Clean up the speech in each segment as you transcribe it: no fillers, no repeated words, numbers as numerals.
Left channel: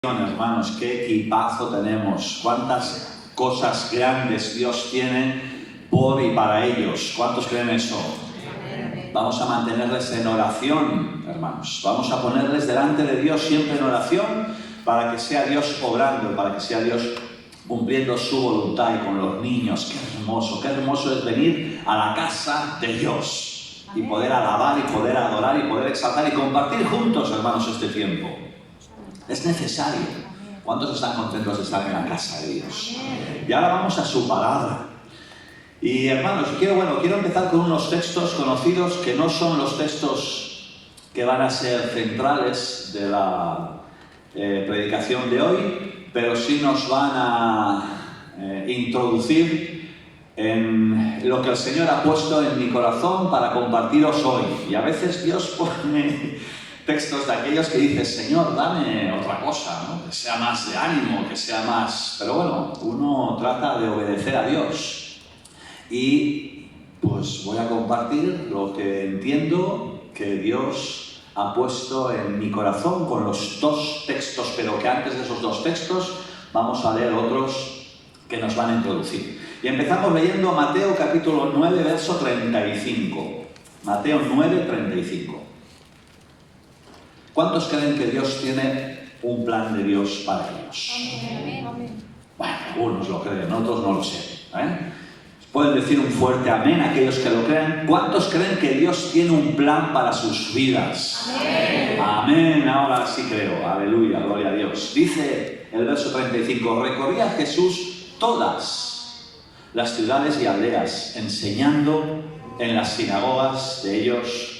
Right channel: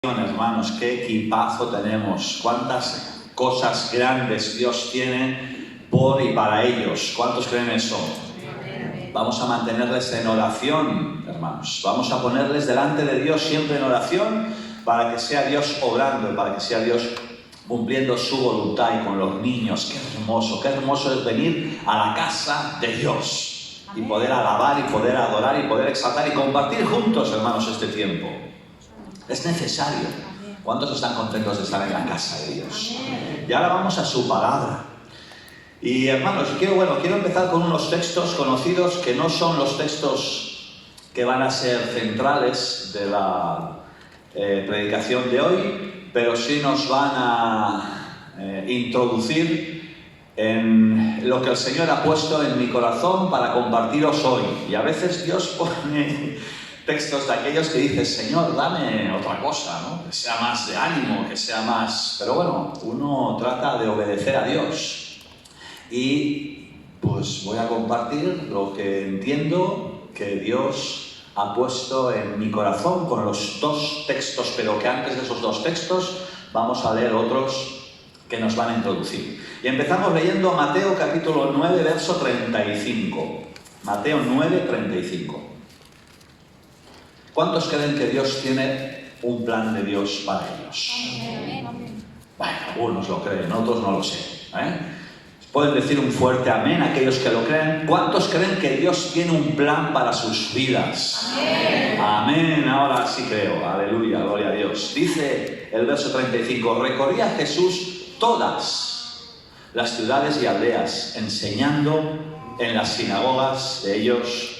Hermanos, qué equipazo tenemos, cuántas cosas grandes Dios tiene por y para ellos. ¿Cuántos creen eso? Vamos a mantenerles en oración, hermanos. Vamos a ponerles delante de Dios siempre en oración para que sea Dios obrando, para que sea Dios cumpliendo su voluntad y con los niños. Qué hermoso es venir a la casa de Dios y poder alabar y poder adorar y poder exaltar y compartir juntos, hermanos, este tiempo. Es necesario. ¿Cuántos están contentos de estar en la casa de Dios? Y ahora vamos a su palabra. Y hermanos, quiero empezar con unos textos conocidos que no son los textos que van a ser centrales de la predicación de hoy, pero sí nos van a introducir en lo que el Señor ha puesto en mi corazón para compartiros hoy. Y a veces Dios pone textos de aquellos que dices, Señor, dame otra cosa, ¿no? Que sea más de ánimo, que sea más... Pero bueno, uno trata de obedecer a Dios. Y pues voy a compartir lo que entiendo que Dios ha puesto en mi corazón con los dos textos, pero que antes de esos dos textos vamos a leer otros que nos van a introducir. Y empezamos leyendo Mateo capítulo 9, verso 35. Mateo 9, 35. ¿Cuántos creen que Dios tiene un plan de Dios para ellos? Bueno, algunos lo creen, otros no lo sé. Pueden decir un fuerte amén aquellos que lo creen. ¿Cuántos creen que Dios tiene un plan para sus vidas? Amén. Amén, ahora sí creo. Aleluya, gloria a Dios. Dice el verso 35, recorría Jesús todas las ciudades y aldeas, enseñando en las sinagogas de ellos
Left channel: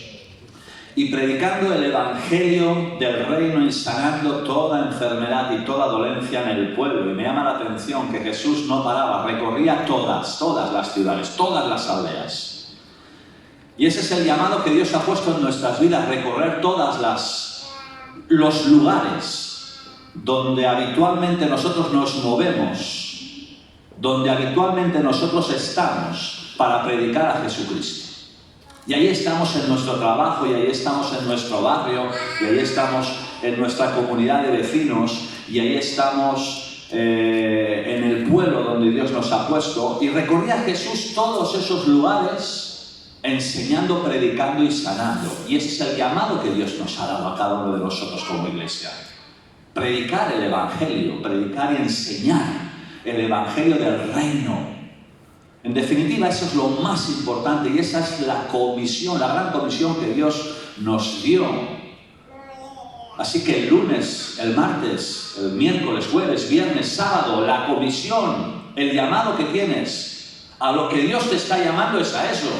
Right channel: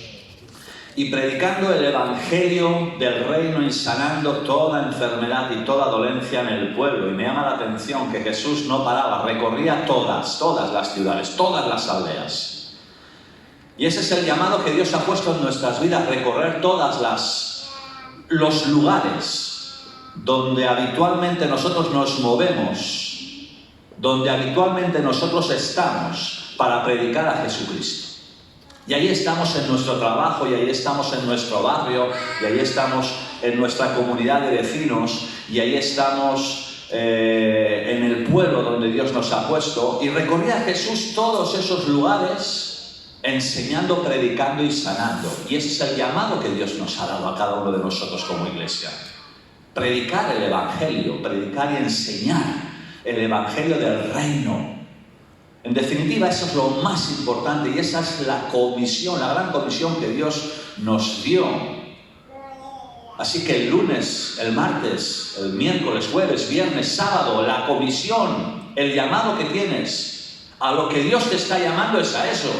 y predicando el evangelio del reino y sanando toda enfermedad y toda dolencia en el pueblo. Y me llama la atención que Jesús no paraba, recorría todas las ciudades, todas las aldeas. Y ese es el llamado que Dios ha puesto en nuestras vidas, recorrer los lugares donde habitualmente nosotros nos movemos, donde habitualmente nosotros estamos para predicar a Jesucristo. Y ahí estamos en nuestro trabajo, y ahí estamos en nuestro barrio, y ahí estamos en nuestra comunidad de vecinos, y ahí estamos en el pueblo donde Dios nos ha puesto. Y recorría Jesús todos esos lugares, enseñando, predicando y sanando. Y ese es el llamado que Dios nos ha dado a cada uno de nosotros como iglesia. Predicar el evangelio, predicar y enseñar el evangelio del reino. En definitiva, eso es lo más importante y esa es la comisión, la gran comisión que Dios nos dio. Así que el lunes, el martes, el miércoles, jueves, viernes, sábado, la comisión, el llamado que tienes, a lo que Dios te está llamando es a eso.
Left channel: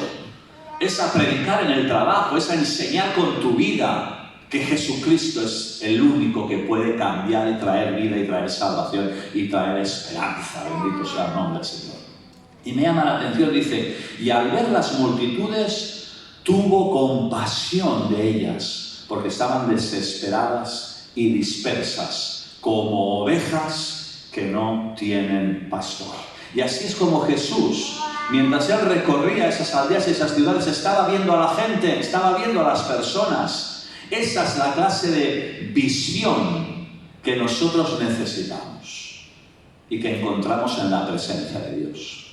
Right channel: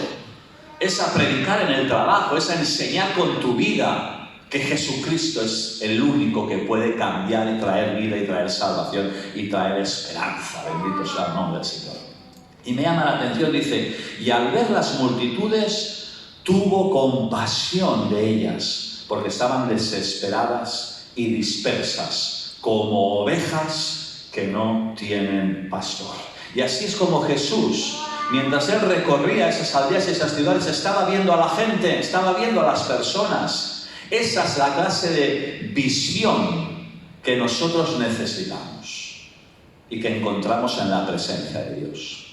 Es a predicar en el trabajo, es a enseñar con tu vida que Jesucristo es el único que puede cambiar y traer vida y traer salvación y traer esperanza. Bendito sea el nombre del Señor. Y me llama la atención, dice, y al ver las multitudes, tuvo compasión de ellas, porque estaban desesperadas y dispersas, como ovejas que no tienen pastor. Y así es como Jesús, mientras Él recorría esas aldeas y esas ciudades, estaba viendo a la gente, estaba viendo a las personas. Esa es la clase de visión que nosotros necesitamos y que encontramos en la presencia de Dios.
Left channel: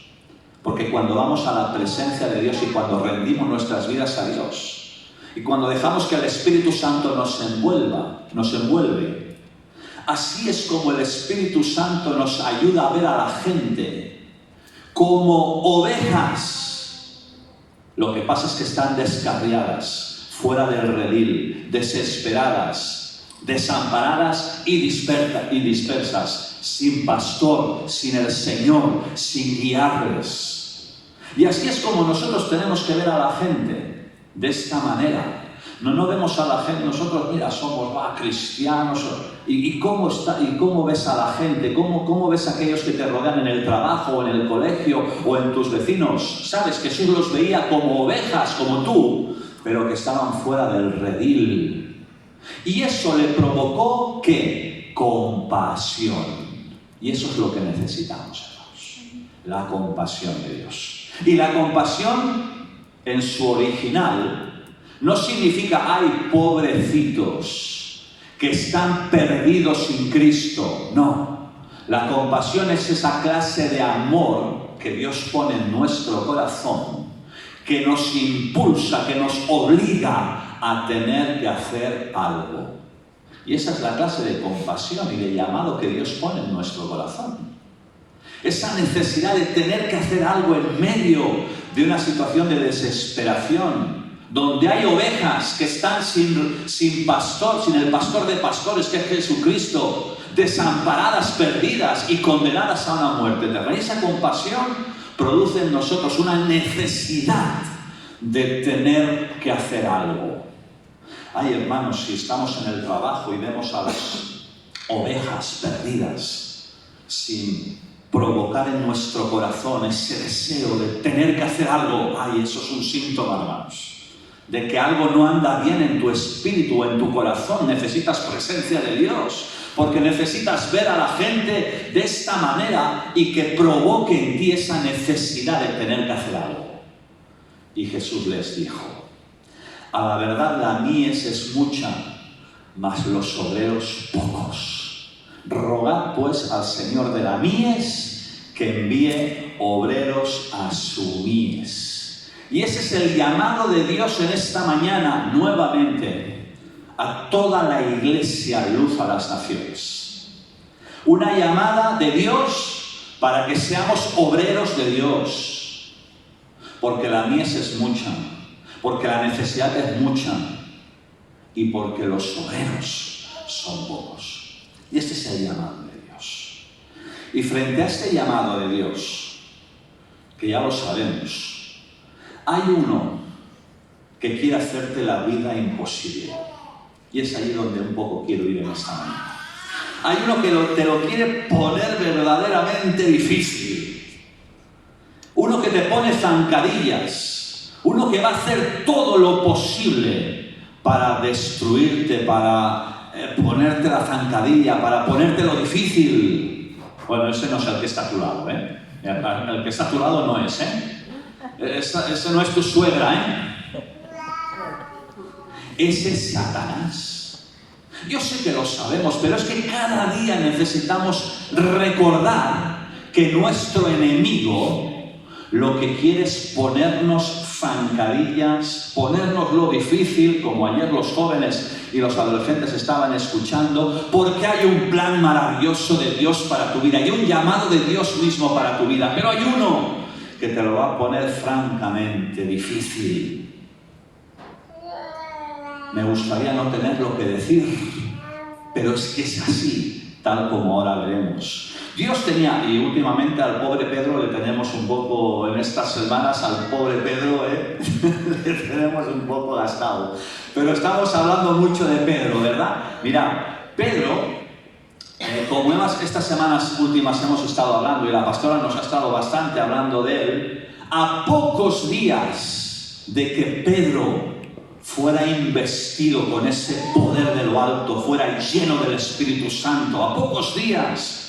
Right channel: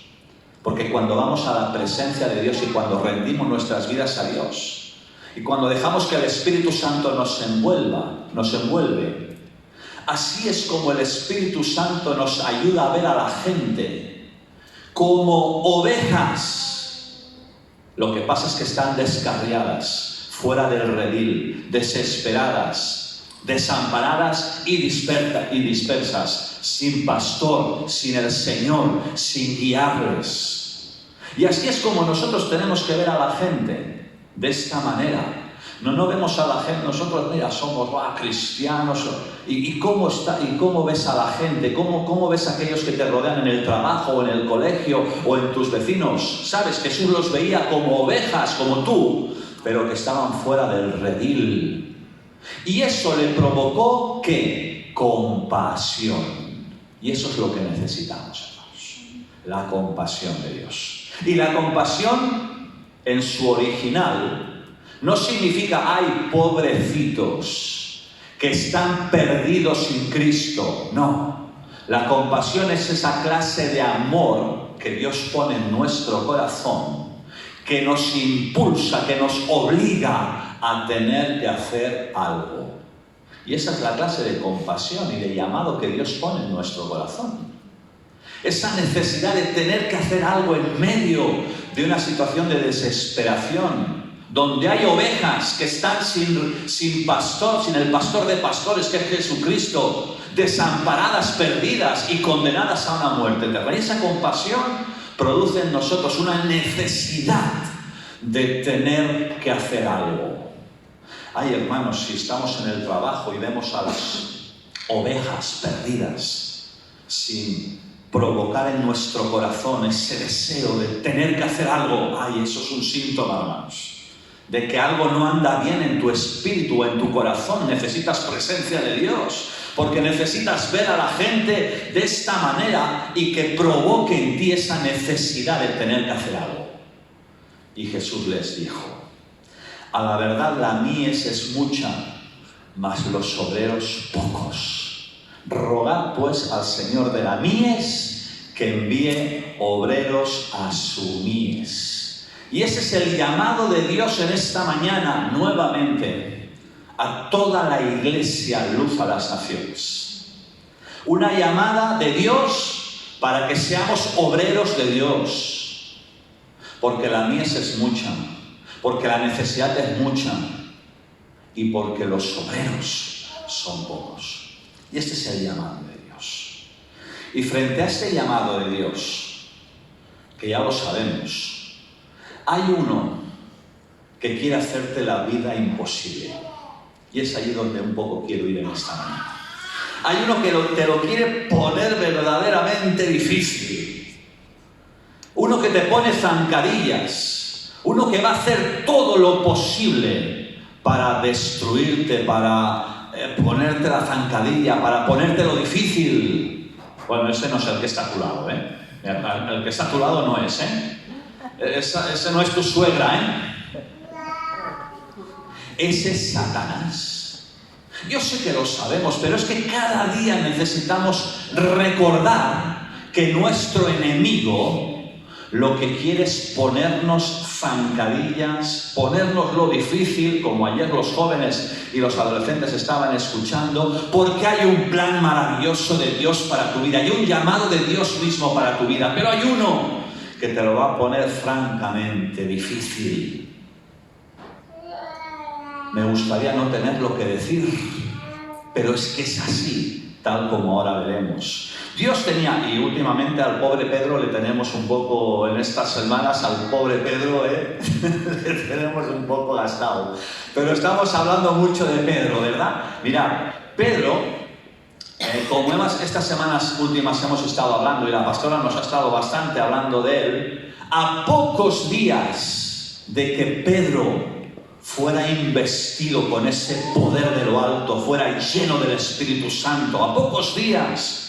Porque cuando vamos a la presencia de Dios y cuando rendimos nuestras vidas a Dios y cuando dejamos que el Espíritu Santo nos envuelve, así es como el Espíritu Santo nos ayuda a ver a la gente como ovejas. Lo que pasa es que están descarriadas, fuera del redil, desesperadas, desamparadas y dispersas, sin pastor, sin el Señor, sin guiarles. Y así es como nosotros tenemos que ver a la gente, de esta manera. No vemos a la gente, nosotros, mira, somos cristianos. ¿Y cómo está? ¿Y cómo ves a la gente? ¿Cómo ves a aquellos que te rodean en el trabajo, en el colegio o en tus vecinos? ¿Sabes? Jesús los veía como ovejas, como tú, pero que estaban fuera del redil. Y eso le provocó, ¿qué? Compasión. Y eso es lo que necesitamos, hermanos. La compasión de Dios. Y la compasión, en su original, no significa, ay, pobrecitos, que están perdidos sin Cristo. No. La compasión es esa clase de amor que Dios pone en nuestro corazón, que nos impulsa, que nos obliga a tener que hacer algo. Y esa es la clase de compasión y de llamado que Dios pone en nuestro corazón. Esa necesidad de tener que hacer algo en medio de una situación de desesperación, donde hay ovejas que están sin pastor, sin el pastor de pastores, que es Jesucristo, desamparadas, perdidas y condenadas a una muerte eterna. Esa compasión produce en nosotros una necesidad de tener que hacer algo. Ay, hermanos, si estamos en el trabajo y vemos a las ovejas perdidas, sin provocar en nuestro corazón ese deseo de tener que hacer algo, ay, eso es un síntoma, hermanos, de que algo no anda bien en tu espíritu o en tu corazón. Necesitas presencia de Dios, porque necesitas ver a la gente de esta manera y que provoque en ti esa necesidad de tener que hacer algo. Y Jesús les dijo: a la verdad la mies es mucha, mas los obreros pocos. Rogad pues al Señor de la mies que envíe obreros a su mies. Y ese es el llamado de Dios en esta mañana, nuevamente, a toda la Iglesia Luz a las Naciones. Una llamada de Dios para que seamos obreros de Dios. Porque la mies es mucha, porque la necesidad es mucha y porque los obreros son pocos. Y este es el llamado de Dios. Y frente a este llamado de Dios, que ya lo sabemos, hay uno que quiere hacerte la vida imposible. Y es ahí donde un poco quiero ir en esta mañana. Hay uno que te lo quiere poner verdaderamente difícil. Uno que te pone zancadillas. Uno que va a hacer todo lo posible para destruirte, para ponerte la zancadilla, para ponerte lo difícil. Bueno, ese no es el que está a tu lado, ¿eh? El que está a tu lado no es, ¿eh? Ese no es tu suegra, ¿eh? Ese es Satanás. Yo sé que lo sabemos, pero es que cada día necesitamos recordar que nuestro enemigo lo que quiere es ponernos zancadillas, ponernos lo difícil, como ayer los jóvenes y los adolescentes estaban escuchando, porque hay un plan maravilloso de Dios para tu vida, hay un llamado de Dios mismo para tu vida, pero hay uno que te lo va a poner francamente difícil. Me gustaría no tener lo que decir, pero es que es así, tal como ahora veremos. Dios tenía, y últimamente al pobre Pedro le tenemos un poco, en estas semanas, al pobre Pedro, le tenemos un poco asado. Pero estamos hablando mucho de Pedro, ¿verdad? Mira, Pedro, como estas semanas últimas hemos estado hablando, y la pastora nos ha estado bastante hablando de él, a pocos días de que Pedro fuera investido con ese poder de lo alto, fuera lleno del Espíritu Santo, a pocos días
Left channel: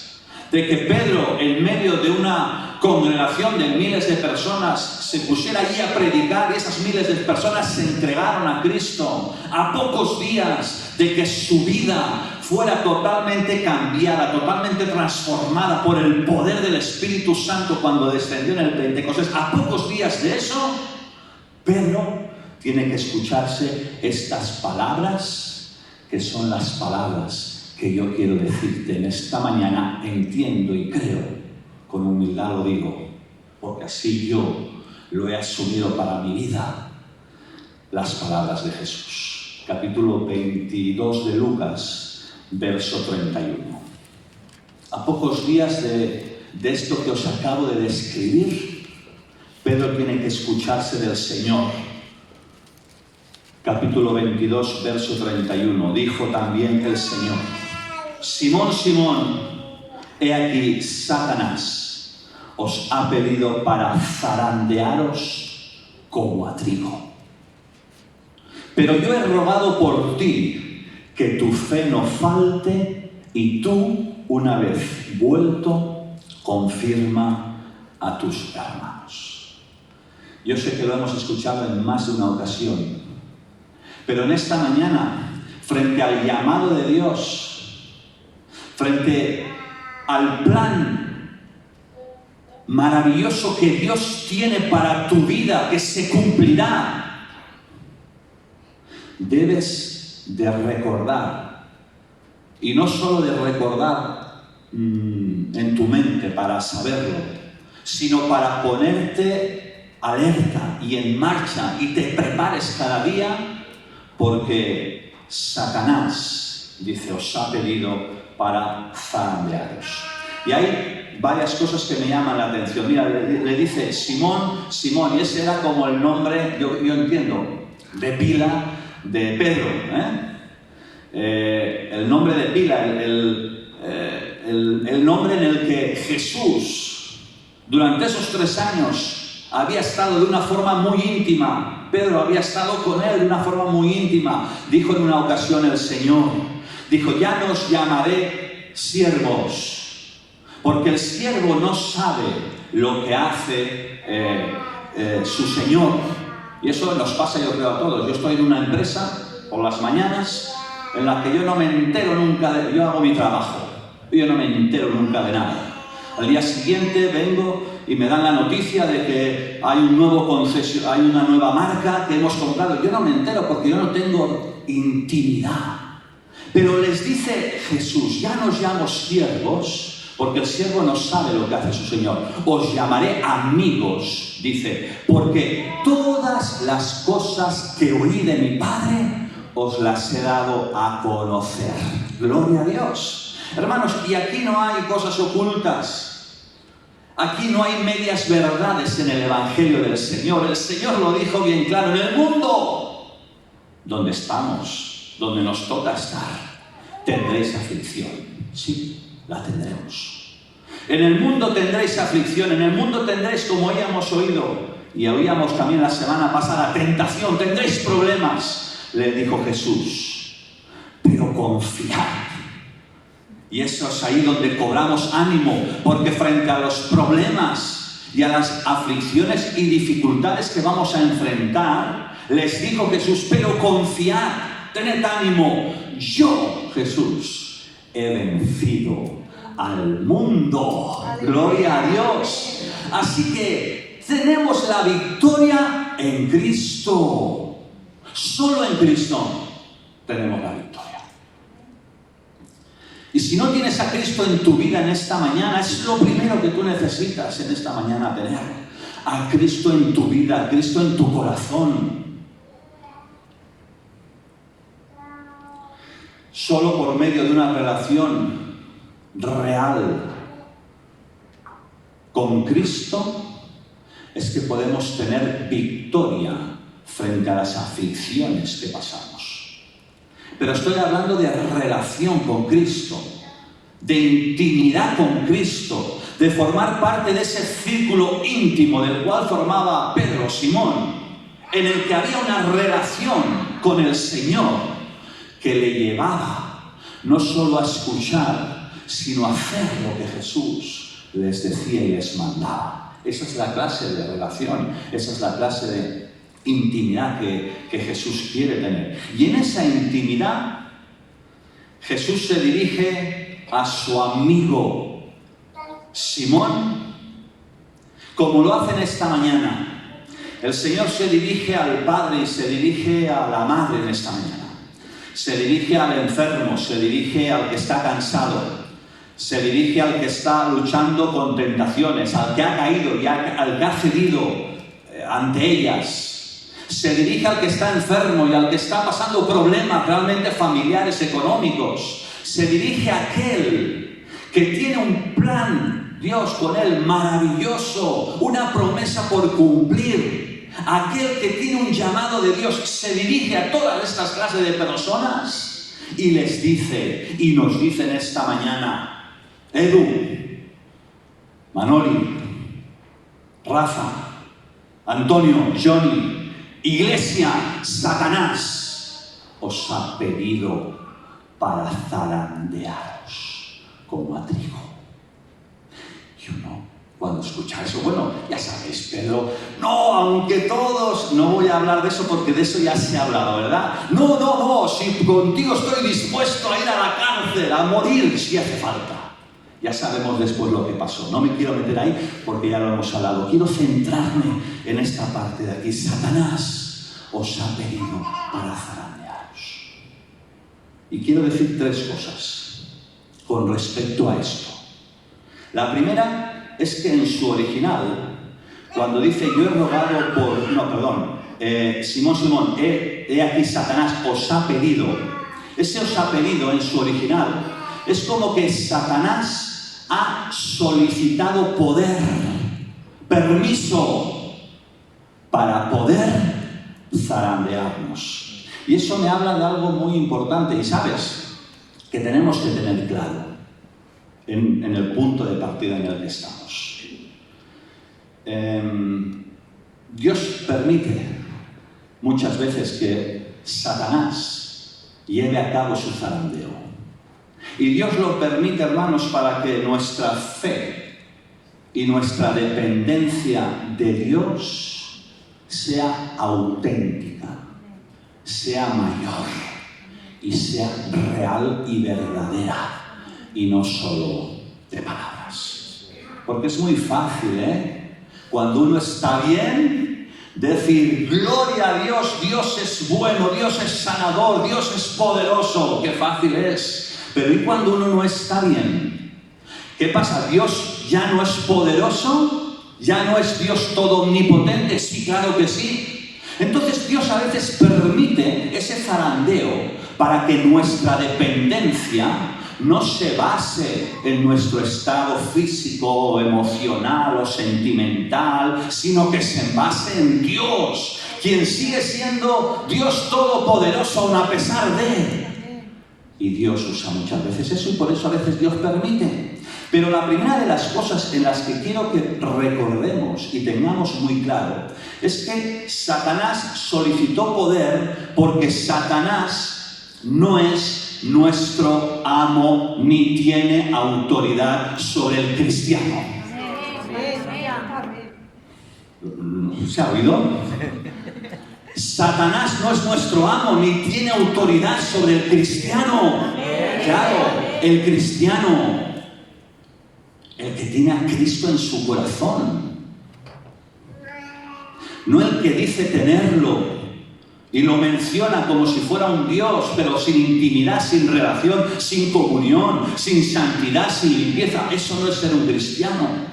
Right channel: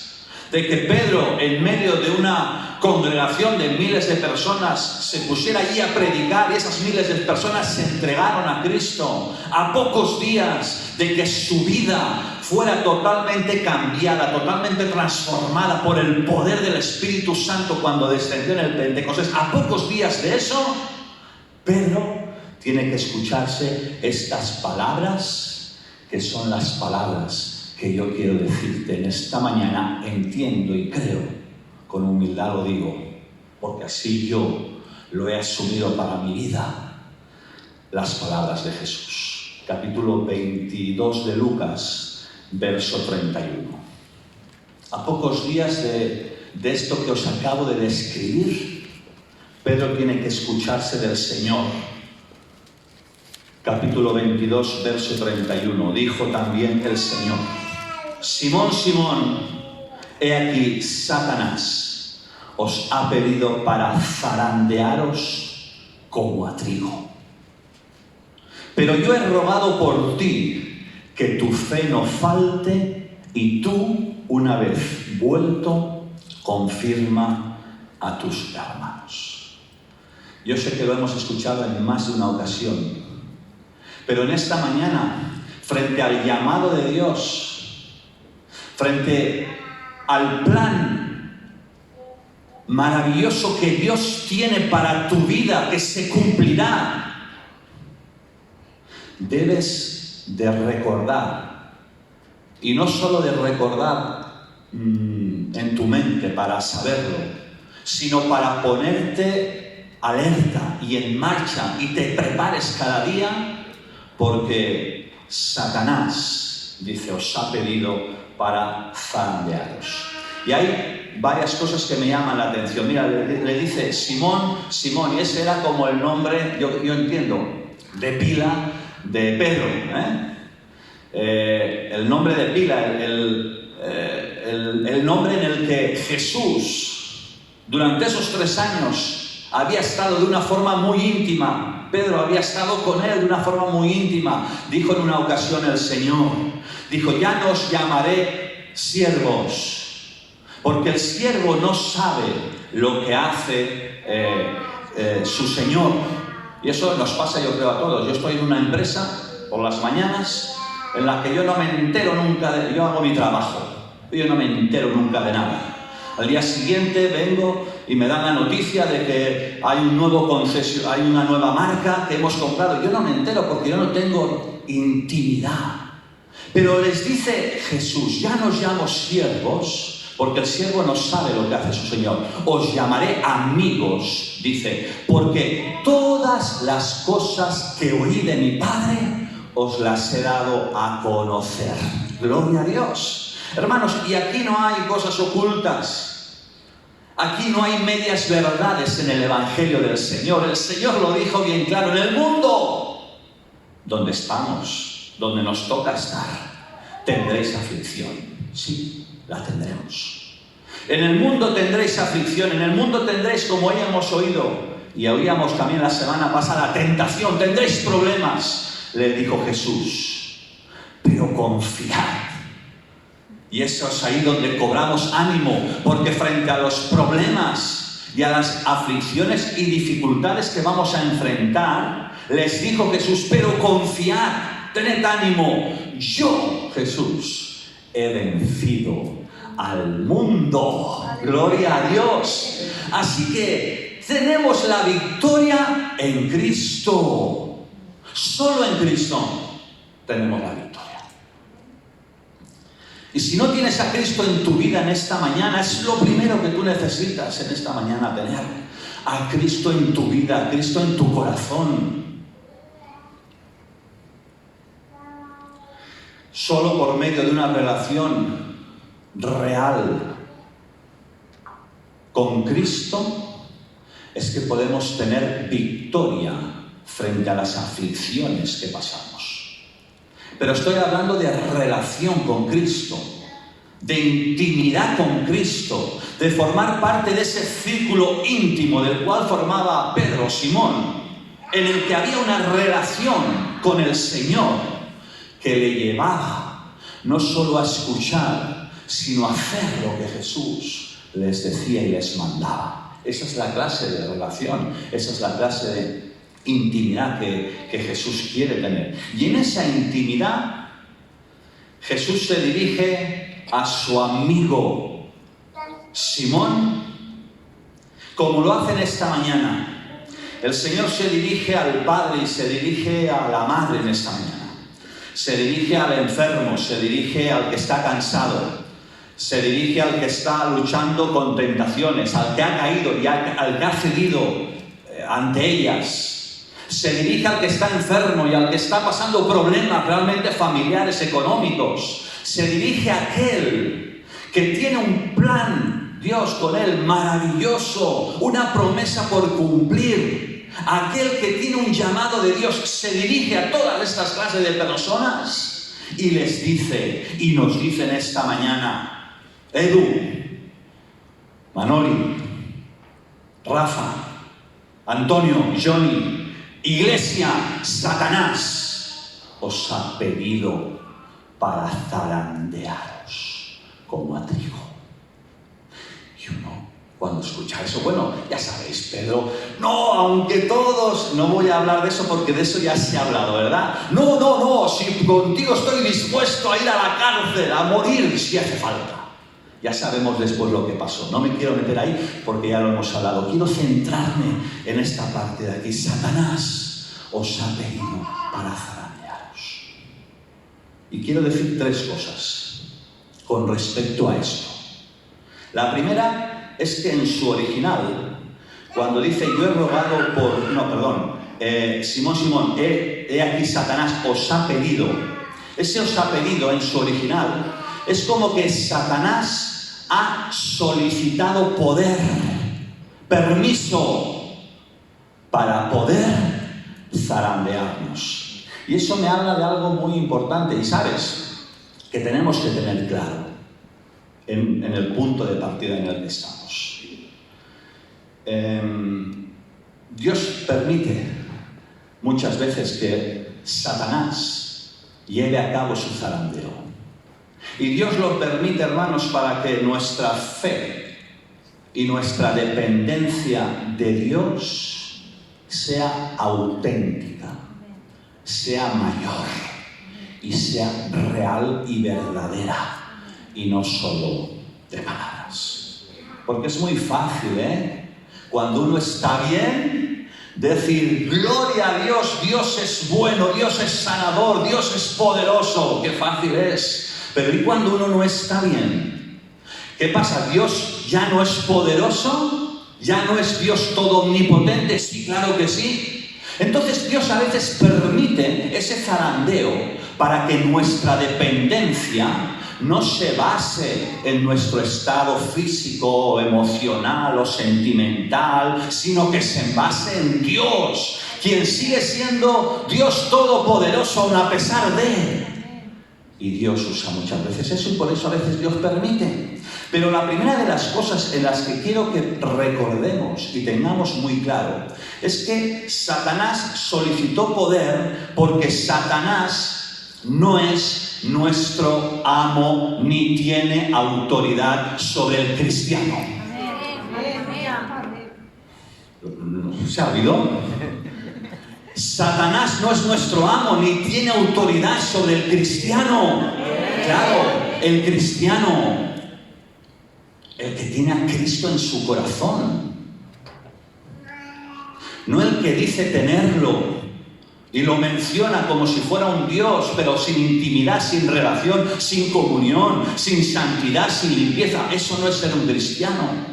de que Pedro, en medio de una congregación de miles de personas, se pusiera allí a predicar, y esas miles de personas se entregaron a Cristo, a pocos días de que su vida fuera totalmente cambiada, totalmente transformada por el poder del Espíritu Santo cuando descendió en el Pentecostés, a pocos días de eso, Pedro tiene que escucharse estas palabras, que son las palabras que yo quiero decirte en esta mañana. Entiendo y creo, con humildad lo digo, porque así yo lo he asumido para mi vida, las palabras de Jesús. Capítulo 22 de Lucas, verso 31. A pocos días de esto que os acabo de describir, Pedro tiene que escucharse del Señor. Capítulo 22, verso 31. Dijo también el Señor: Simón, Simón, he aquí Satanás os ha pedido para zarandearos como a trigo. Pero yo he rogado por ti que tu fe no falte, y tú, una vez vuelto, confirma a tus hermanos. Yo sé que lo hemos escuchado en más de una ocasión, pero en esta mañana, frente al llamado de Dios, frente al plan maravilloso que Dios tiene para tu vida, que se cumplirá, debes de recordar, y no solo de recordar en tu mente para saberlo, sino para ponerte alerta y en marcha y te prepares cada día, porque Satanás, dice, os ha pedido para zarandearos. Y hay varias cosas que me llaman la atención. Mira, le dice Simón, Simón, y ese era como el nombre, yo entiendo, de pila de Pedro, el nombre de pila, el nombre en el que Jesús, durante esos 3 años, había estado de una forma muy íntima. Pedro había estado con él de una forma muy íntima. Dijo en una ocasión el Señor, dijo, ya no os llamaré siervos, porque el siervo no sabe lo que hace su Señor. Y eso nos pasa, yo creo, a todos. Yo estoy en una empresa por las mañanas en la que yo no me entero nunca yo hago mi trabajo, yo no me entero nunca de nada. Al día siguiente vengo y me dan la noticia de que hay un nuevo concesionario, hay una nueva marca que hemos comprado. Yo no me entero porque yo no tengo intimidad. Pero les dice Jesús, ya no os llamo siervos, porque el siervo no sabe lo que hace su Señor. Os llamaré amigos, dice, porque todas las cosas que oí de mi Padre os las he dado a conocer. Gloria a Dios. Hermanos, y aquí no hay cosas ocultas. Aquí no hay medias verdades en el Evangelio del Señor. El Señor lo dijo bien claro. En el mundo donde estamos, donde nos toca estar, tendréis aflicción. Sí, la tendremos. En el mundo tendréis aflicción. En el mundo tendréis, como hayamos oído, y oíamos también la semana pasada, tentación. Tendréis problemas, le dijo Jesús. Pero confiad. Y eso es ahí donde cobramos ánimo, porque frente a los problemas y a las aflicciones y dificultades que vamos a enfrentar, les dijo Jesús, pero confiad, tened ánimo, yo, Jesús, he vencido al mundo. Gloria a Dios. Así que tenemos la victoria en Cristo. Solo en Cristo tenemos la victoria. Y si no tienes a Cristo en tu vida en esta mañana, es lo primero que tú necesitas en esta mañana, tener a Cristo en tu vida, a Cristo en tu corazón. Solo por medio de una relación real con Cristo es que podemos tener victoria frente a las aflicciones que pasamos. Pero estoy hablando de relación con Cristo, de intimidad con Cristo, de formar parte de ese círculo íntimo del cual formaba Pedro, Simón, en el que había una relación con el Señor que le llevaba no solo a escuchar, sino a hacer lo que Jesús les decía y les mandaba. Esa es la clase de relación, esa es la clase de intimidad que Jesús quiere tener. Y en esa intimidad, Jesús se dirige a su amigo Simón, como lo hace en esta mañana. El Señor se dirige al Padre y se dirige a la Madre en esta mañana. Se dirige al enfermo, se dirige al que está cansado, se dirige al que está luchando con tentaciones, al que ha caído y al que ha cedido ante ellas. Se dirige al que está enfermo y al que está pasando problemas realmente familiares, económicos. Se dirige a aquel que tiene un plan, Dios con él, maravilloso, una promesa por cumplir. Aquel que tiene un llamado de Dios se dirige a todas estas clases de personas y les dice, y nos dice en esta mañana, Edu, Manoli, Rafa, Antonio, Johnny, Iglesia, Satanás os ha pedido para zarandearos como a trigo. Y uno, cuando escucha escuchar eso. Bueno, ya sabéis, Pedro, no, aunque todos, no voy a hablar de eso porque de eso ya se ha hablado, ¿verdad? No, si contigo estoy dispuesto a ir a la cárcel, a morir si hace falta. Ya sabemos después lo que pasó. No me quiero meter ahí porque ya lo hemos hablado. Quiero centrarme en esta parte de aquí. Satanás os ha pedido para zarandearos. Y quiero decir 3 cosas con respecto a esto. La primera es que en su original, cuando dice yo he rogado por... No, perdón. Simón, he aquí Satanás os ha pedido. Ese os ha pedido en su original es como que Satanás ha solicitado poder, permiso, para poder zarandearnos. Y eso me habla de algo muy importante, y sabes, que tenemos que tener claro en el punto de partida en el que estamos. Dios permite muchas veces que Satanás lleve a cabo su zarandeo. Y Dios lo permite, hermanos, para que nuestra fe y nuestra dependencia de Dios sea auténtica, sea mayor y sea real y verdadera, y no solo de palabras. Porque es muy fácil, cuando uno está bien, decir, gloria a Dios, Dios es bueno, Dios es sanador, Dios es poderoso. ¡Qué fácil es! Pero ¿y cuando uno no está bien? ¿Qué pasa? ¿Dios ya no es poderoso? ¿Ya no es Dios todo omnipotente? Sí, claro que sí. Entonces Dios a veces permite ese zarandeo para que nuestra dependencia no se base en nuestro estado físico, emocional o sentimental, sino que se base en Dios, quien sigue siendo Dios todopoderoso aun a pesar de... Y Dios usa muchas veces eso, y por eso a veces Dios permite. Pero la primera de las cosas en las que quiero que recordemos y tengamos muy claro es que Satanás solicitó poder porque Satanás no es nuestro amo ni tiene autoridad sobre el cristiano. ¿Se ha oído? Satanás no es nuestro amo ni tiene autoridad sobre el cristiano. Claro, el cristiano, el que tiene a Cristo en su corazón, no el que dice tenerlo y lo menciona como si fuera un Dios, pero sin intimidad, sin relación, sin comunión, sin santidad, sin limpieza. Eso no es ser un cristiano.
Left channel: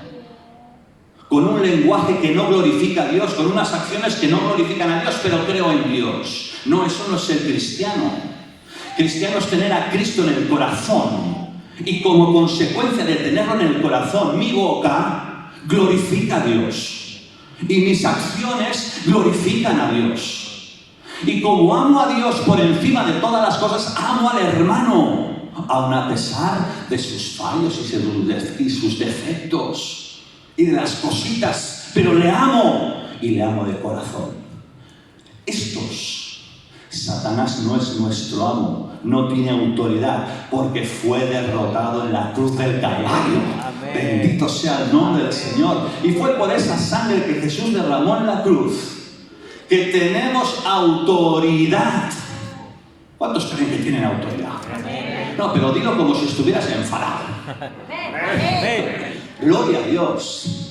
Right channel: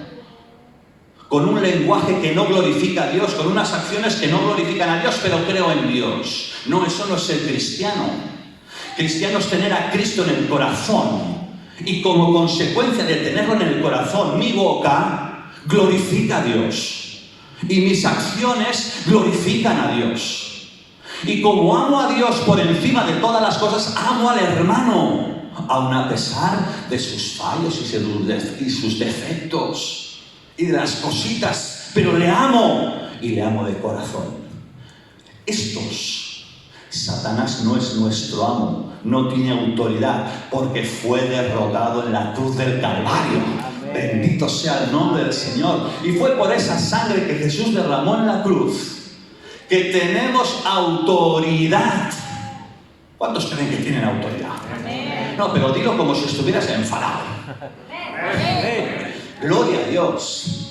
Con un lenguaje que no glorifica a Dios, con unas acciones que no glorifican a Dios, pero creo en Dios. No, eso no es ser cristiano. Cristiano es tener a Cristo en el corazón. Y como consecuencia de tenerlo en el corazón, mi boca glorifica a Dios. Y mis acciones glorifican a Dios. Y como amo a Dios por encima de todas las cosas, amo al hermano, aun a pesar de sus fallos y sus defectos. Y de las cositas, pero le amo, y le amo de corazón. Satanás no es nuestro amo, no tiene autoridad, porque fue derrotado en la cruz del Calvario. Amén. Bendito sea el nombre del Señor. Y fue por esa sangre que Jesús derramó en la cruz que tenemos autoridad. ¿Cuántos creen que tienen autoridad? Amén. No, pero digo como si estuvieras enfadado. Amén. Gloria a Dios,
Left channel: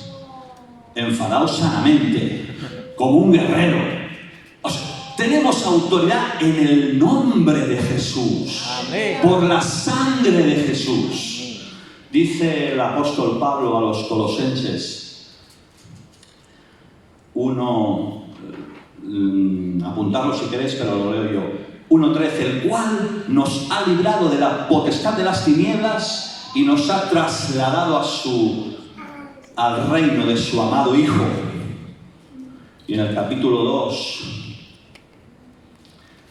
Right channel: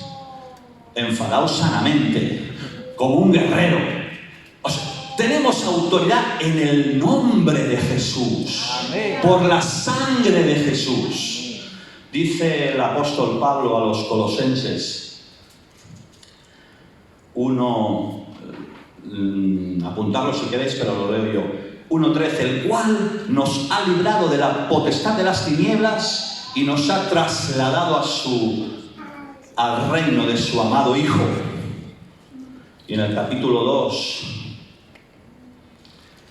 enfadado sanamente, como un guerrero. O sea, tenemos autoridad en el nombre de Jesús, amén, por la sangre de Jesús. Dice el apóstol Pablo a los Colosenses 1, apuntarlo si queréis, pero lo leo yo. 1:13, el cual nos ha librado de la potestad de las tinieblas y nos ha trasladado al reino de su amado Hijo. Y en el capítulo 2,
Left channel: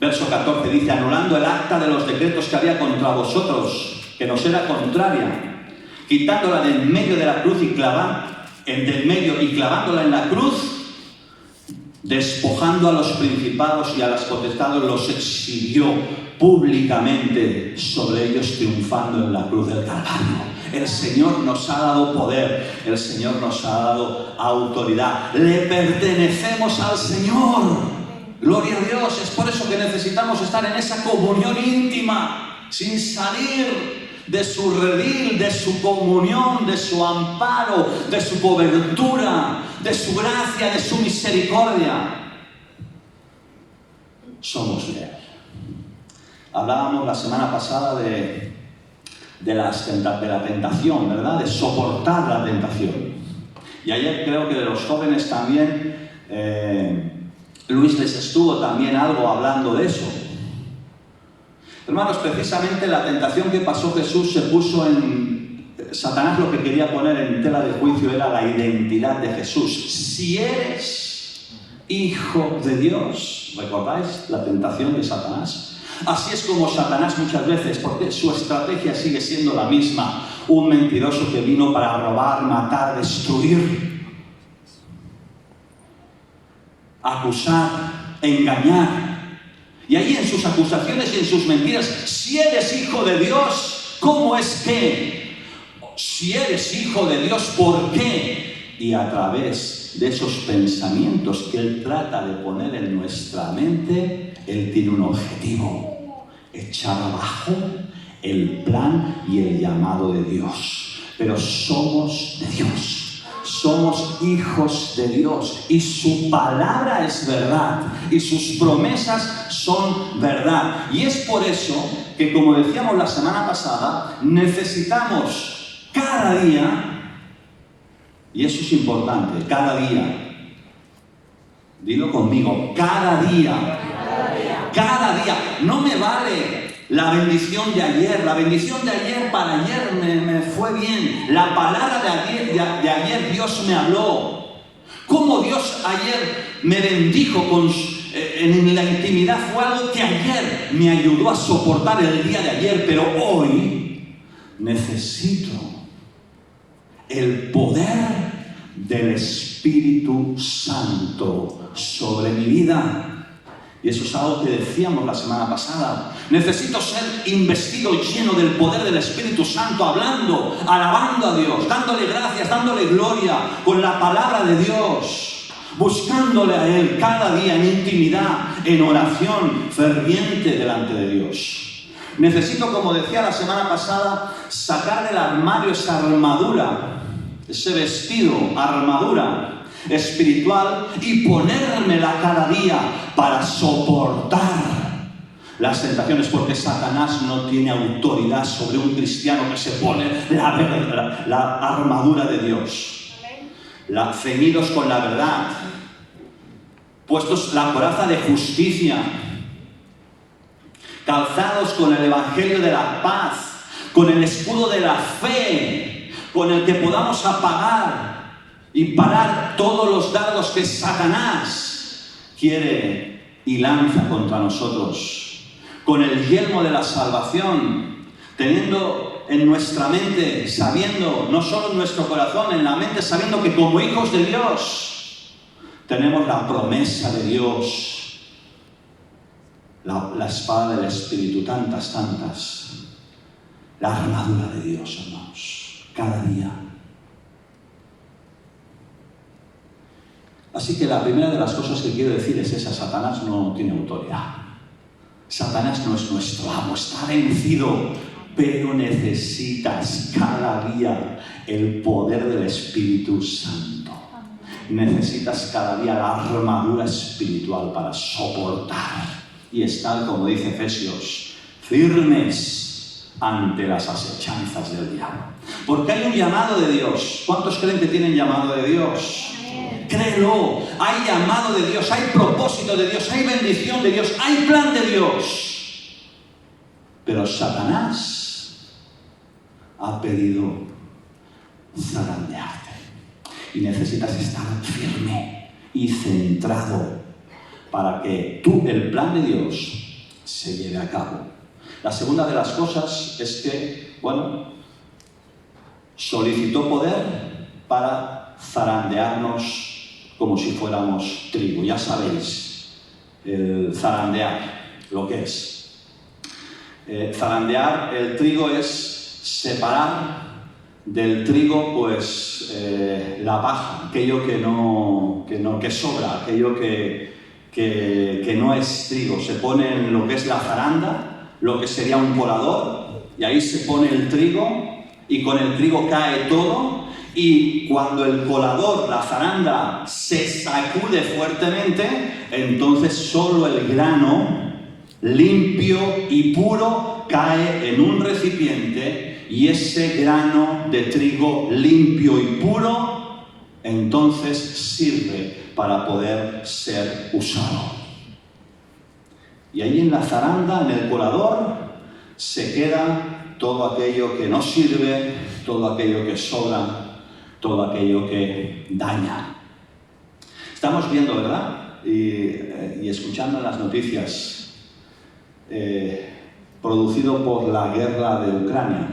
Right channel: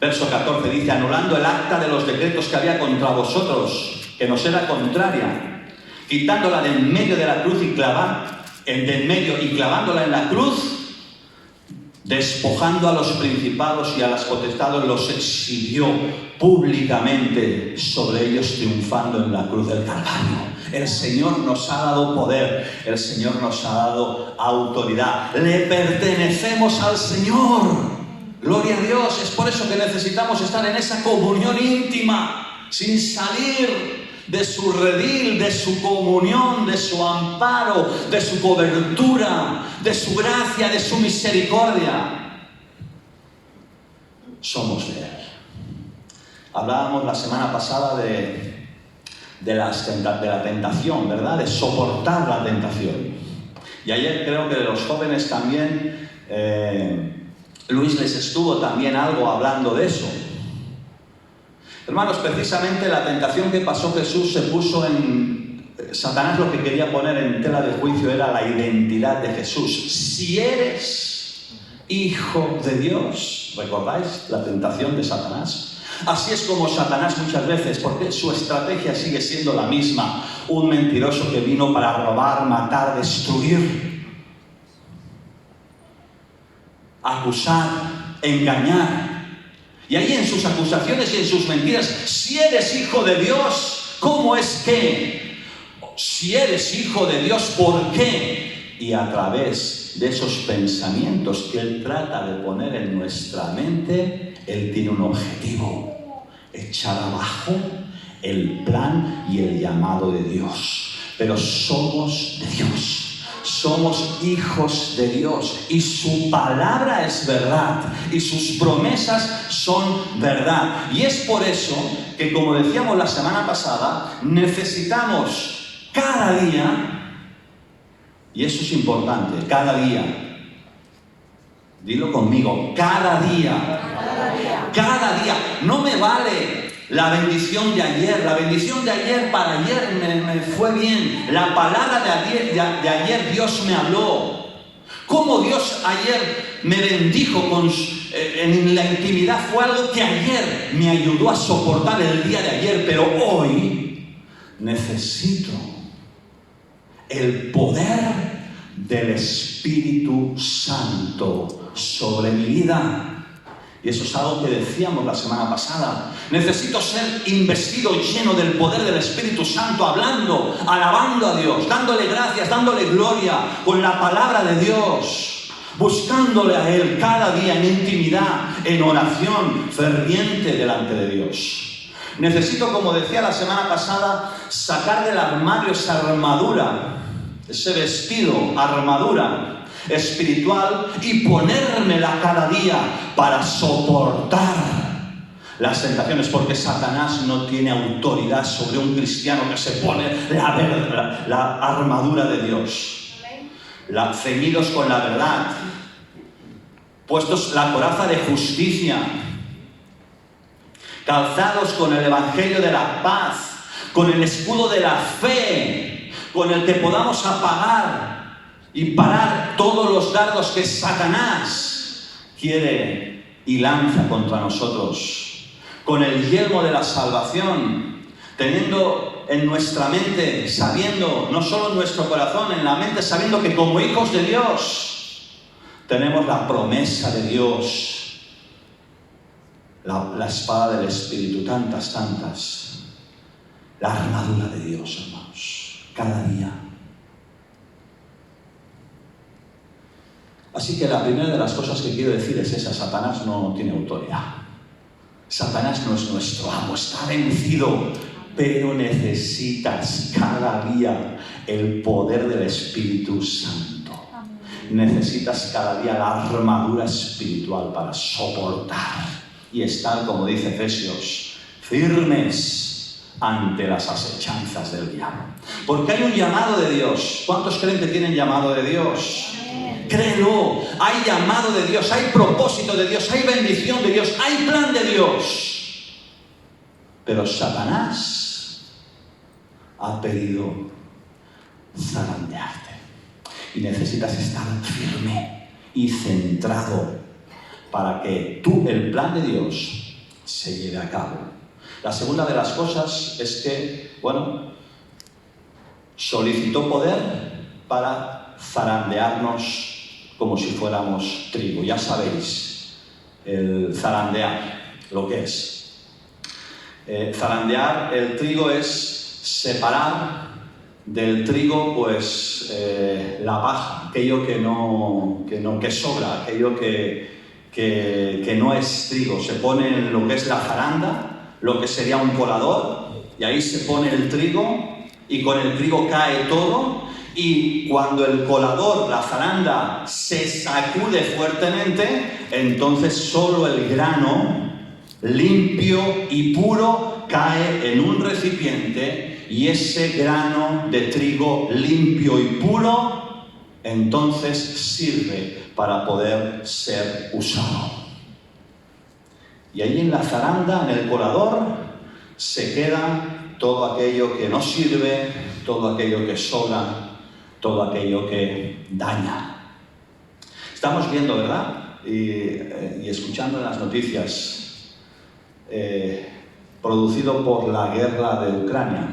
verso 14, dice, anulando el acta de los decretos que había contra vosotros, que nos era contraria, quitándola del medio de la cruz y clavándola en la cruz, despojando a los principados y a las potestades, los exhibió públicamente sobre ellos, triunfando en la cruz del Calvario. El Señor nos ha dado poder, el Señor nos ha dado autoridad. Le pertenecemos al Señor. Gloria a Dios. Es por eso que necesitamos estar en esa comunión íntima, sin salir de su redil, de su comunión, de su amparo, de su cobertura, de su gracia, de su misericordia. Somos de Él. Hablábamos la semana pasada de la tentación, ¿verdad? De soportar la tentación. Y ayer creo que de los jóvenes también, Luis les estuvo también algo hablando de eso. Hermanos, precisamente la tentación que pasó Jesús se puso en... Satanás lo que quería poner en tela de juicio era la identidad de Jesús. Si eres hijo de Dios, ¿recordáis la tentación de Satanás? Así es como Satanás muchas veces, porque su estrategia sigue siendo la misma. Un mentiroso que vino para robar, matar, destruir, acusar, engañar. Y ahí en sus acusaciones y en sus mentiras, si eres hijo de Dios, ¿cómo es que? Si eres hijo de Dios, ¿por qué? Y a través de esos pensamientos que Él trata de poner en nuestra mente, Él tiene un objetivo: echar abajo el plan y el llamado de Dios. Pero somos de Dios, somos hijos de Dios, y su palabra es verdad, y sus promesas son verdad. Y es por eso que, como decíamos la semana pasada, necesitamos cada día, y eso es importante, cada día, dilo conmigo, cada día. Cada día. No me vale la bendición de ayer. La bendición de ayer para ayer me fue bien. La palabra de ayer Dios me habló. Cómo Dios ayer me bendijo en la intimidad fue algo que ayer me ayudó a soportar el día de ayer. Pero hoy necesito el poder del Espíritu Santo sobre mi vida. Y eso es algo que decíamos la semana pasada. Necesito ser investido, lleno del poder del Espíritu Santo, hablando, alabando a Dios, dándole gracias, dándole gloria, con la palabra de Dios, buscándole a Él cada día en intimidad, en oración ferviente delante de Dios. Necesito, como decía la semana pasada, sacar del armario esa armadura, ese vestido, armadura espiritual, y ponérmela cada día para soportar las tentaciones, porque Satanás no tiene autoridad sobre un cristiano que se pone la armadura de Dios, ceñidos con la verdad, puestos la coraza de justicia, calzados con el evangelio de la paz, con el escudo de la fe, con el que podamos apagar y parar todos los dardos que Satanás quiere y lanza contra nosotros, con el yelmo de la salvación, teniendo en nuestra mente, sabiendo, no solo en nuestro corazón, en la mente, sabiendo que como hijos de Dios tenemos la promesa de Dios, la espada del Espíritu, tantas, la armadura de Dios, hermanos, cada día. Así que la primera de las cosas que quiero decir es esa: Satanás no tiene autoridad. Satanás no es nuestro amo, está vencido, pero necesitas cada día el poder del Espíritu Santo. Necesitas cada día la armadura espiritual para soportar y estar, como dice Efesios, firmes ante las asechanzas del diablo. Porque hay un llamado de Dios. ¿Cuántos creen que tienen llamado de Dios? Créelo, hay llamado de Dios, hay propósito de Dios, hay bendición de Dios, hay plan de Dios. Pero Satanás ha pedido zarandearte. Y necesitas estar firme y centrado para que el plan de Dios se lleve a cabo. La segunda de las cosas es que, solicitó poder para zarandearnos como si fuéramos trigo. Ya sabéis, el zarandear, lo que es. Zarandear el trigo es separar del trigo pues la paja, aquello que sobra, aquello que no es trigo. Se pone en lo que es la zaranda, lo que sería un colador, y ahí se pone el trigo y con el trigo cae todo, y cuando el colador, la zaranda, se sacude fuertemente, entonces solo el grano limpio y puro cae en un recipiente, y ese grano de trigo limpio y puro entonces sirve para poder ser usado. Y ahí en la zaranda, en el colador, se queda todo aquello que no sirve, todo aquello que sobra, todo aquello que daña. Estamos viendo, ¿verdad? Y escuchando las noticias, producido por la guerra de Ucrania,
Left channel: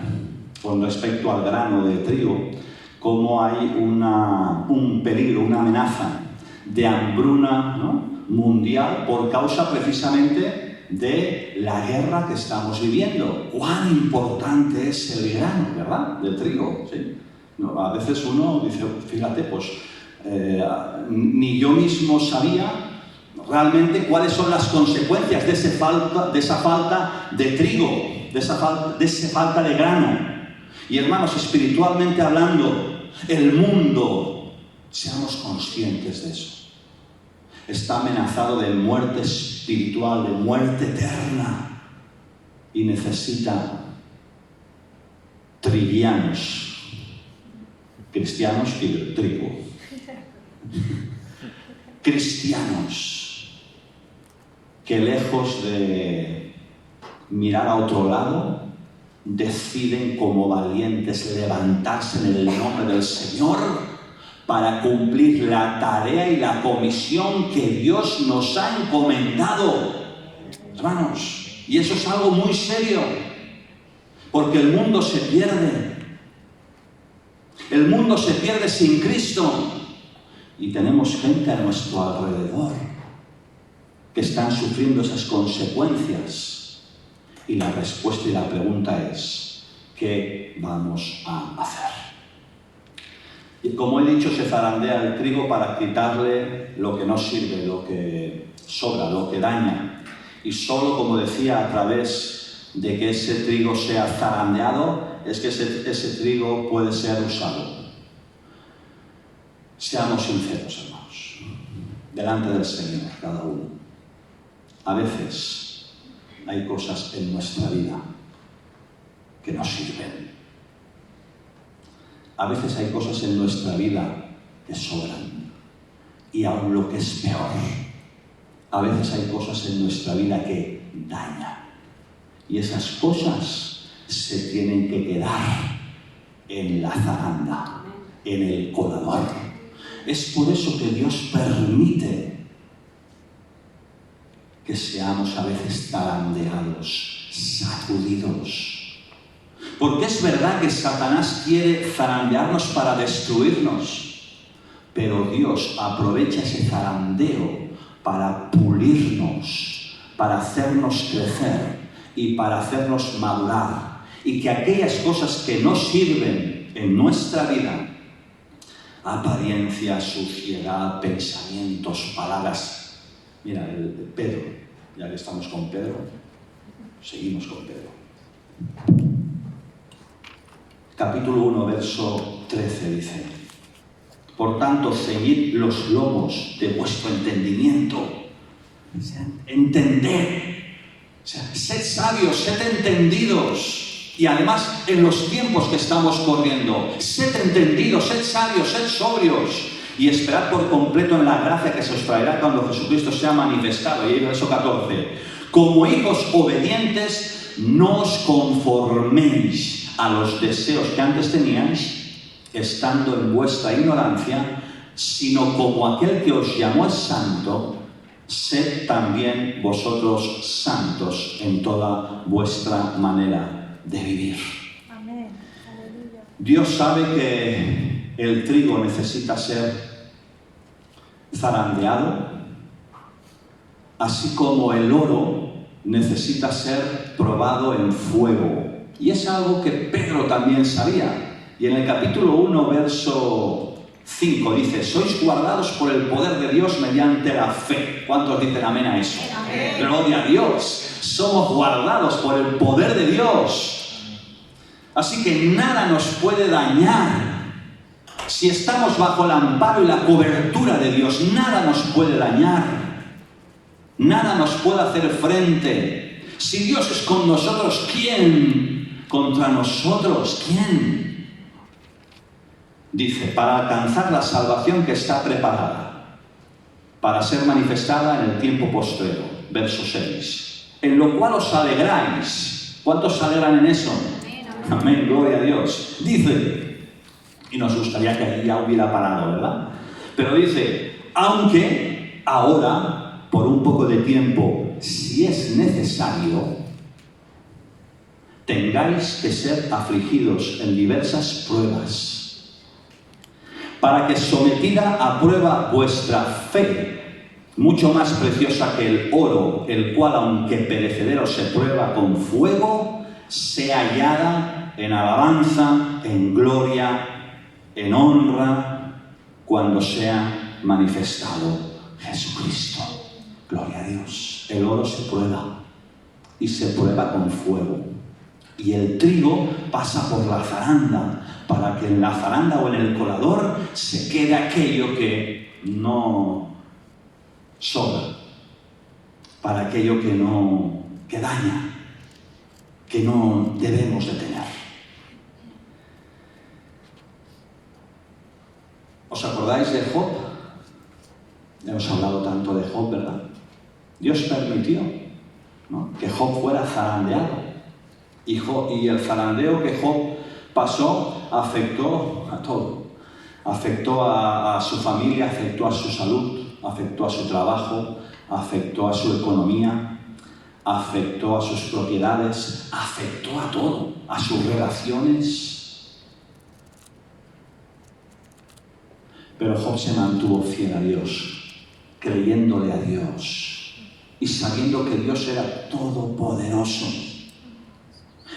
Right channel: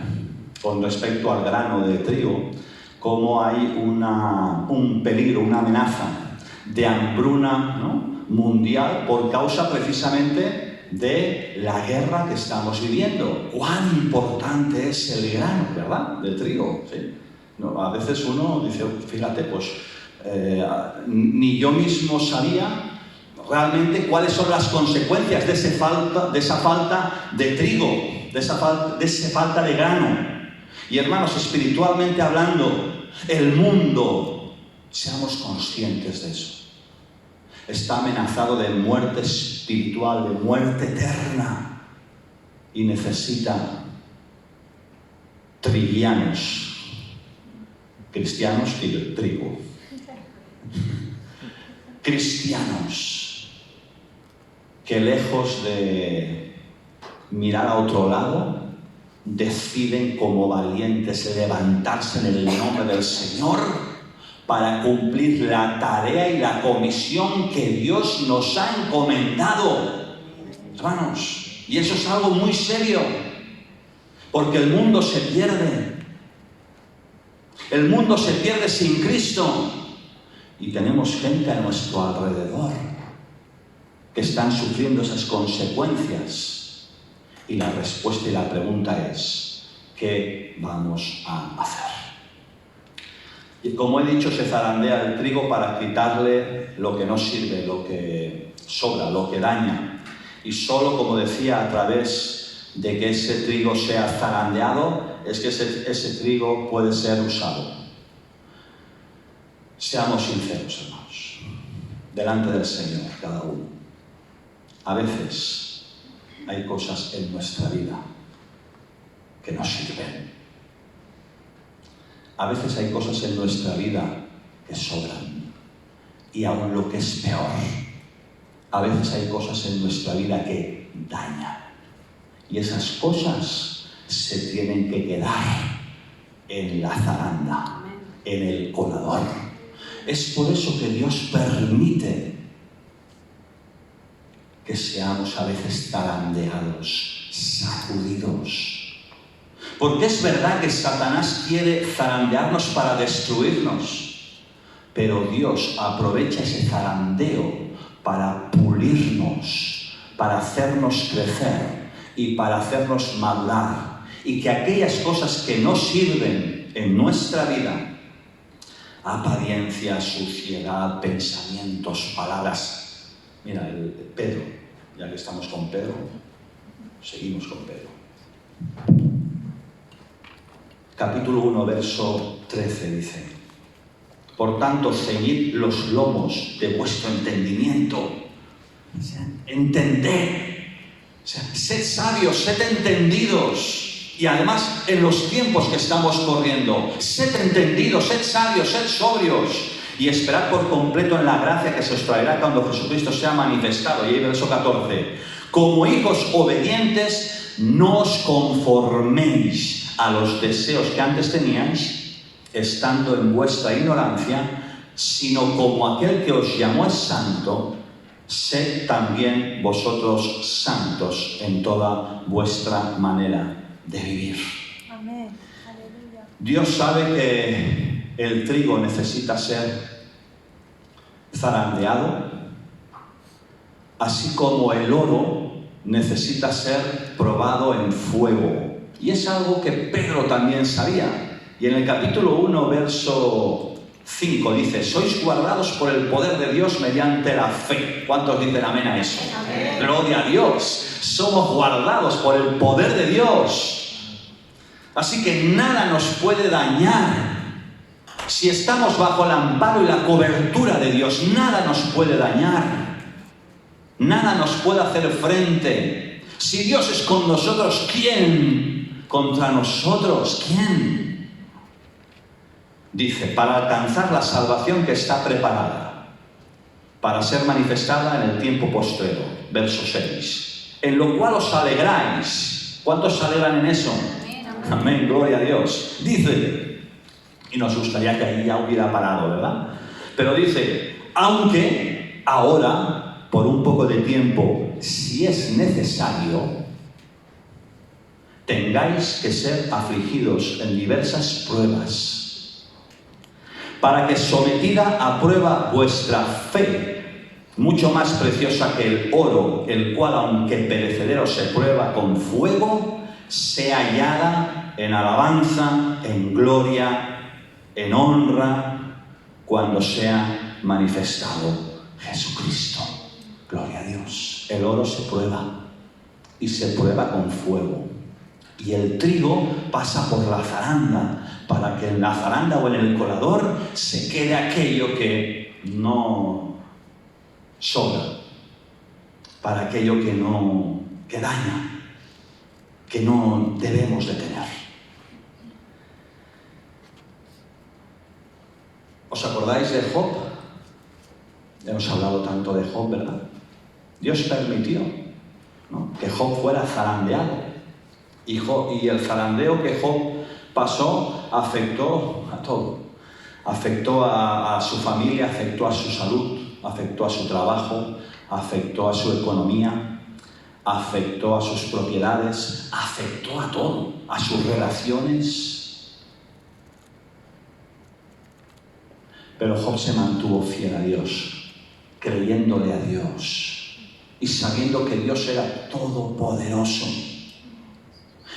con respecto al grano de trigo, cómo hay un peligro, una amenaza de hambruna, ¿no?, mundial por causa precisamente de la guerra que estamos viviendo. Cuán importante es el grano, ¿verdad?, de trigo. ¿Sí? No, a veces uno dice, fíjate, pues ni yo mismo sabía realmente cuáles son las consecuencias de esa falta de trigo, de esa falta de grano. Y hermanos, espiritualmente hablando, el mundo, seamos conscientes de eso, está amenazado de muerte espiritual, de muerte eterna, y necesita trigianos, cristianos y del trigo, cristianos que lejos de mirar a otro lado, deciden como valientes levantarse en el nombre del Señor para cumplir la tarea y la comisión que Dios nos ha encomendado. Hermanos, y eso es algo muy serio, porque el mundo se pierde. El mundo se pierde sin Cristo, y tenemos gente a nuestro alrededor que están sufriendo esas consecuencias. Y la respuesta y la pregunta es, ¿qué vamos a hacer? Y como he dicho, se zarandea el trigo para quitarle lo que no sirve, lo que sobra, lo que daña. Y solo, como decía, a través de que ese trigo sea zarandeado, es que ese trigo puede ser usado. Seamos sinceros, hermanos, delante del Señor, cada uno. A veces hay cosas en nuestra vida que no sirven. A veces hay cosas en nuestra vida que sobran. Y aún lo que es peor, a veces hay cosas en nuestra vida que dañan. Y esas cosas se tienen que quedar en la zaranda, en el colador. Es por eso que Dios permite que seamos a veces zarandeados, sacudidos. Porque es verdad que Satanás quiere zarandearnos para destruirnos, pero Dios aprovecha ese zarandeo para pulirnos, para hacernos crecer y para hacernos madurar. Y que aquellas cosas que no sirven en nuestra vida, apariencia, suciedad, pensamientos, palabras. Mira, el Pedro, ya que estamos con Pedro, seguimos con Pedro. Capítulo 1, verso 13 dice: por tanto, ceñid los lomos de vuestro entendimiento. O sea, entended. O sea, sed sabios, sed entendidos. Y además, en los tiempos que estamos corriendo, sed entendidos, sed sabios, sed sobrios. Y esperad por completo en la gracia que se os traerá cuando Jesucristo sea manifestado. Y ahí verso 14. Como hijos obedientes, no os conforméis a los deseos que antes teníais, estando en vuestra ignorancia, sino como aquel que os llamó es santo, sed también vosotros santos en toda vuestra manera de vivir. Amén. Aleluya. Dios sabe que el trigo necesita ser zarandeado, así como el oro necesita ser probado en fuego. Y es algo que Pedro también sabía. Y en el capítulo 1, verso 5 dice: sois guardados por el poder de Dios mediante la fe. ¿Cuántos dicen amén a eso? Amén. Gloria a Dios. Somos guardados por el poder de Dios. Así que nada nos puede dañar. Si estamos bajo el amparo y la cobertura de Dios, nada nos puede dañar. Nada nos puede hacer frente. Si Dios es con nosotros, ¿quién contra nosotros? ¿Quién? Dice, para alcanzar la salvación que está preparada, para ser manifestada en el tiempo postrero. Verso 6. En lo cual os alegráis. ¿Cuántos se alegran en eso? Amén, amén, gloria a Dios. Dice, y nos gustaría que ahí ya hubiera parado, ¿verdad? Pero dice, aunque ahora, por un poco de tiempo, si es necesario, tengáis que ser afligidos en diversas pruebas, para que sometida a prueba vuestra fe, mucho más preciosa que el oro, el cual aunque perecedero se prueba con fuego, sea hallada en alabanza, en gloria, en honra, cuando sea manifestado Jesucristo. Gloria a Dios. El oro se prueba y se prueba con fuego. Y el trigo pasa por la zaranda para que en la zaranda o en el colador se quede aquello que no sobra, para aquello que daña, que no debemos de tener. ¿Os acordáis de Job? Hemos hablado tanto de Job, ¿verdad? Dios permitió, ¿no?, que Job fuera zarandeado. Y el zarandeo que Job pasó afectó a todo. Afectó a su familia, afectó a su salud, afectó a su trabajo, afectó a su economía, afectó a sus propiedades, afectó a todo, a sus relaciones. Pero Job se mantuvo fiel a Dios, creyéndole a Dios y sabiendo que Dios era todopoderoso.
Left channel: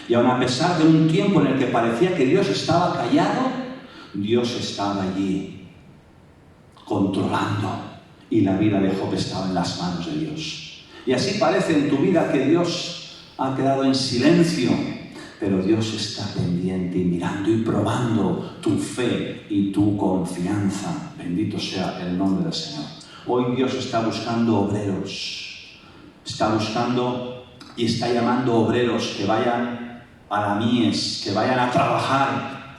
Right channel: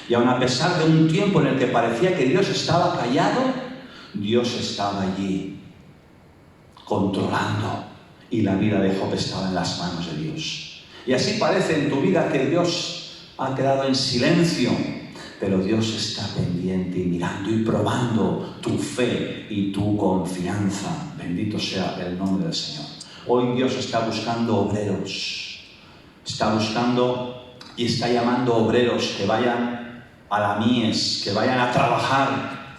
Y aun a pesar de un tiempo en el que parecía que Dios estaba callado, Dios estaba allí, controlando. Y la vida de Job estaba en las manos de Dios. Y así parece en tu vida que Dios ha quedado en silencio, pero Dios está pendiente y mirando y probando tu fe y tu confianza. Bendito sea el nombre del Señor. Hoy Dios está buscando obreros. Está buscando y está llamando obreros que vayan a la mies, que vayan a trabajar.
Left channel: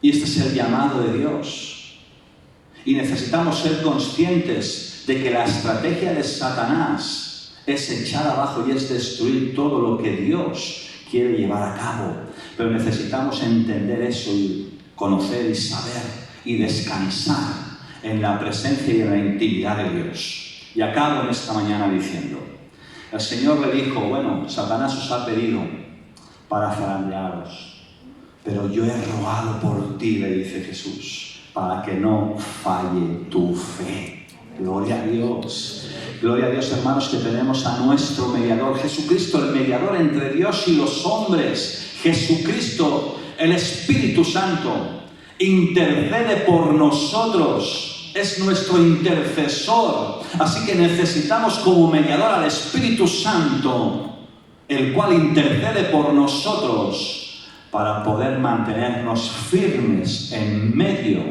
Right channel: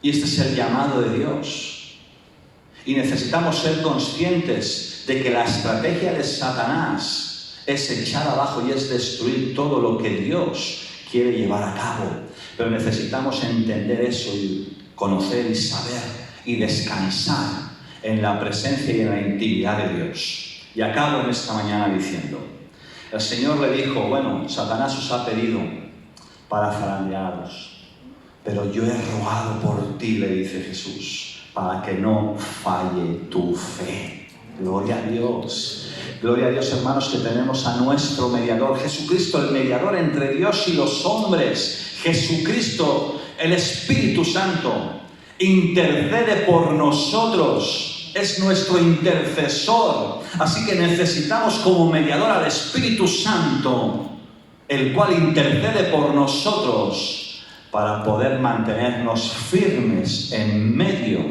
Y este es el llamado de Dios. Y necesitamos ser conscientes de que la estrategia de Satanás es echar abajo y es destruir todo lo que Dios quiere llevar a cabo. Pero necesitamos entender eso y conocer y saber y descansar en la presencia y en la intimidad de Dios. Y acabo en esta mañana diciendo, el Señor le dijo, bueno, Satanás os ha pedido para zarandearos, pero yo he rogado por ti, le dice Jesús, para que no falle tu fe. Gloria a Dios. Gloria a Dios, hermanos, que tenemos a nuestro mediador, Jesucristo, el mediador entre Dios y los hombres. Jesucristo, el Espíritu Santo, intercede por nosotros. Es nuestro intercesor. Así que necesitamos como mediador al Espíritu Santo, el cual intercede por nosotros, para poder mantenernos firmes en medio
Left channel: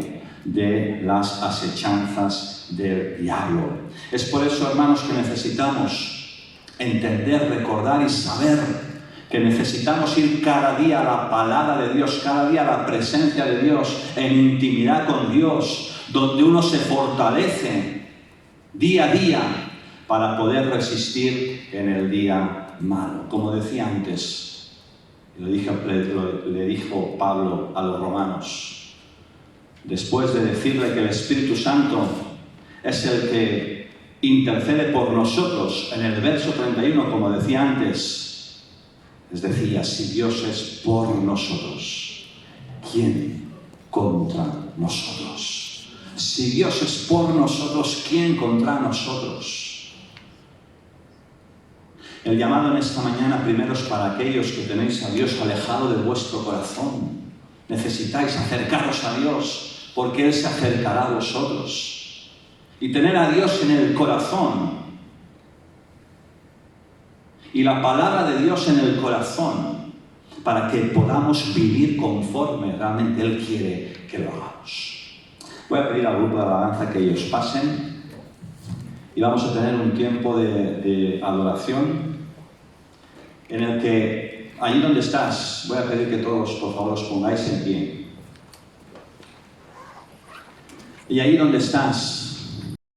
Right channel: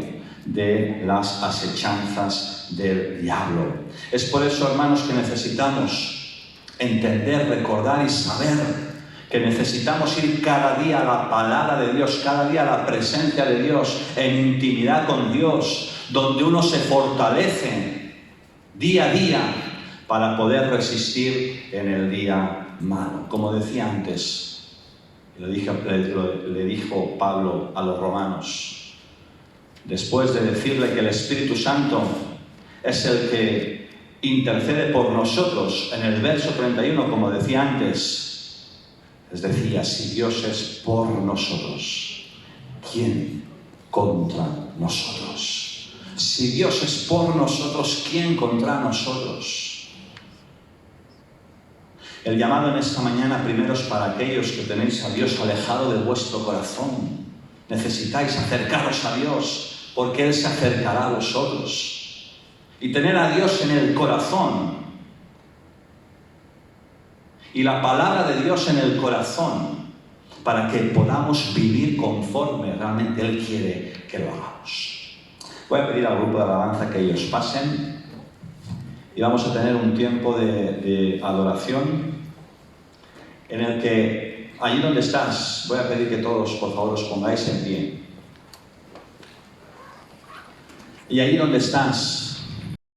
de las acechanzas del diablo. Es por eso, hermanos, que necesitamos entender, recordar y saber que necesitamos ir cada día a la palabra de Dios, cada día a la presencia de Dios, en intimidad con Dios, donde uno se fortalece día a día para poder resistir en el día malo. Como decía antes, le dijo Pablo a los romanos, después de decirle que el Espíritu Santo es el que intercede por nosotros, en el verso 31, como decía antes, les decía, si Dios es por nosotros, ¿quién contra nosotros? Si Dios es por nosotros, ¿quién contra nosotros? El llamado en esta mañana primero es para aquellos que tenéis a Dios alejado de vuestro corazón. Necesitáis acercaros a Dios, porque Él se acercará a vosotros. Y tener a Dios en el corazón, y la palabra de Dios en el corazón, para que podamos vivir conforme realmente Él quiere que lo hagamos. Voy a pedir al grupo de alabanza que ellos pasen y vamos a tener un tiempo de adoración en el que, allí donde estás, voy a pedir que todos, por favor, os pongáis en pie. Y allí donde estás,